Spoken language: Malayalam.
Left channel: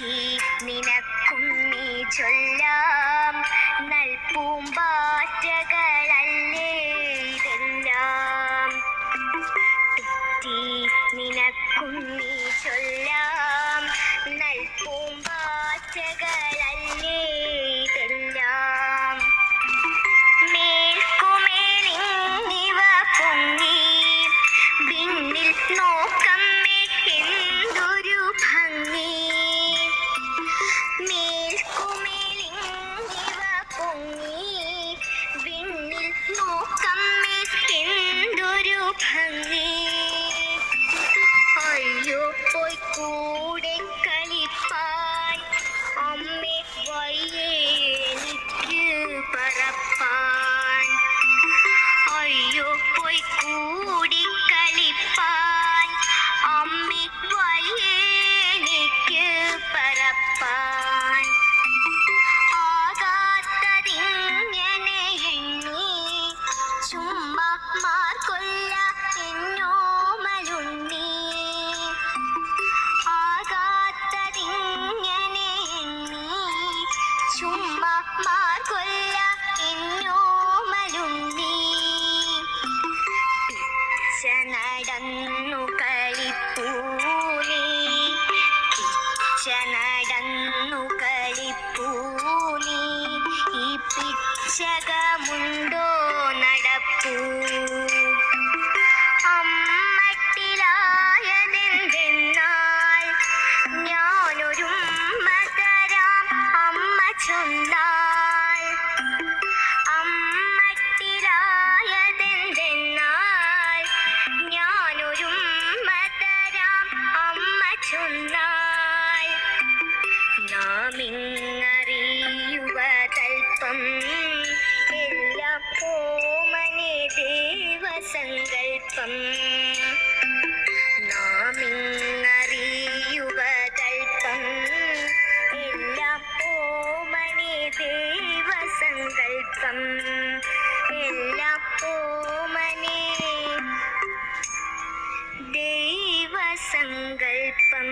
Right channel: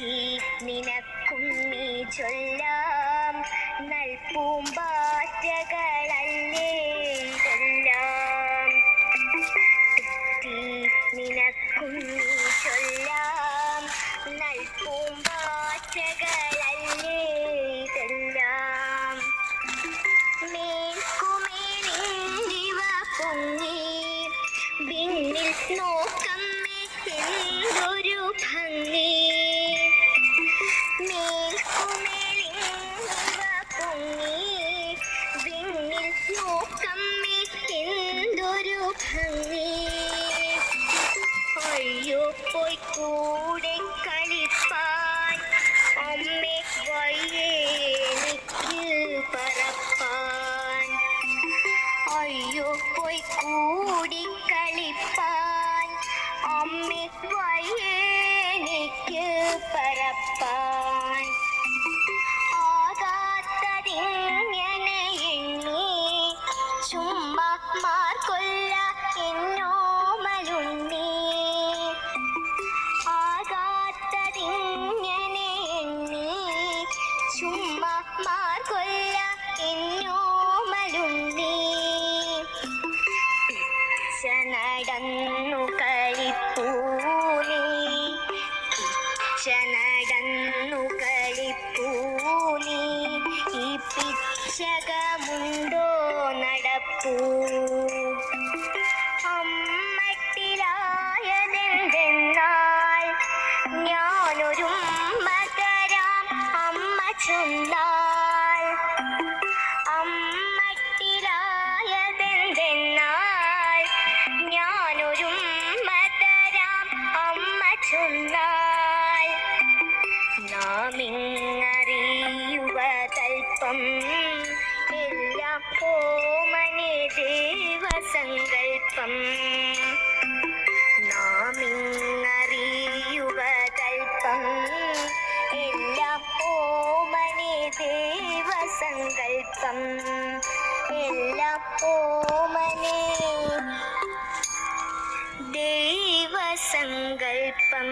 തെറ്റി നിനക്കും നീ ചൊല്ലാം നൽപൂമ്പാറ്റകളല്ലേ ഇതെല്ലാം. തെറ്റി നിനക്കും നീ ചൊല്ലാം നൽപൂമ്പാറ്റകളല്ലേ ഇതെല്ലാം. മേൽക്കുമേലിങ്ങിവ പൊങ്ങി വിണ്ണിൽ നോക്കമ്മേ എന്തൊരു ഭംഗി. മേൽക്കുമേലിങ്ങിവ പൊങ്ങി വിണ്ണിൽ നോക്കമ്മേ എന്തൊരു ഭംഗി. അയ്യോ പോയി കൂടെ കളിപ്പാൻ അമ്മേ വയ്യേ എനിക്ക് പറപ്പാൻ. അയ്യോ പോയി കൂടി കളിപ്പാൻ അമ്മേ വയ്യേ എനിക്ക് പറപ്പാൻ. ആകാത്തതിങ്ങനെ എണ്ണി ചുമ്മാ മാർക്കൊല്ല എന്നോമലുണ്ണി. ആകാത്തതിങ്ങനെ എണ്ണി ചുമ്മാ മാർക്കൊല്ല എന്നോമലുണ്ണി. പിച്ച നടന്നു കളിപ്പൂനി പിച്ച നടന്നു കളിപ്പൂനി. ഈ പിച്ചകമുണ്ടോ നടപ്പൂ. അമ്മട്ടിലായതെന്തെന്നാൽ ഞാനൊരുമ്മ തരാം അമ്മ ചൊന്നാൽ. അമ്മട്ടിലായതെന്തെന്നാൽ ഞാനൊരുമ്മ തരാം അമ്മ ചൊന്നാൽ. നാമിങ്ങറിയുവതൽപ്പം എല്ലാം ഓമനെ ദേവസങ്കൽപ്പം. നാമിങ്ങറിയുവതൽപ്പം എല്ലാം ഓമനെ ദേവസങ്കൽപ്പം. എല്ലാം ഓമനെ ദേവസങ്കൽപ്പം.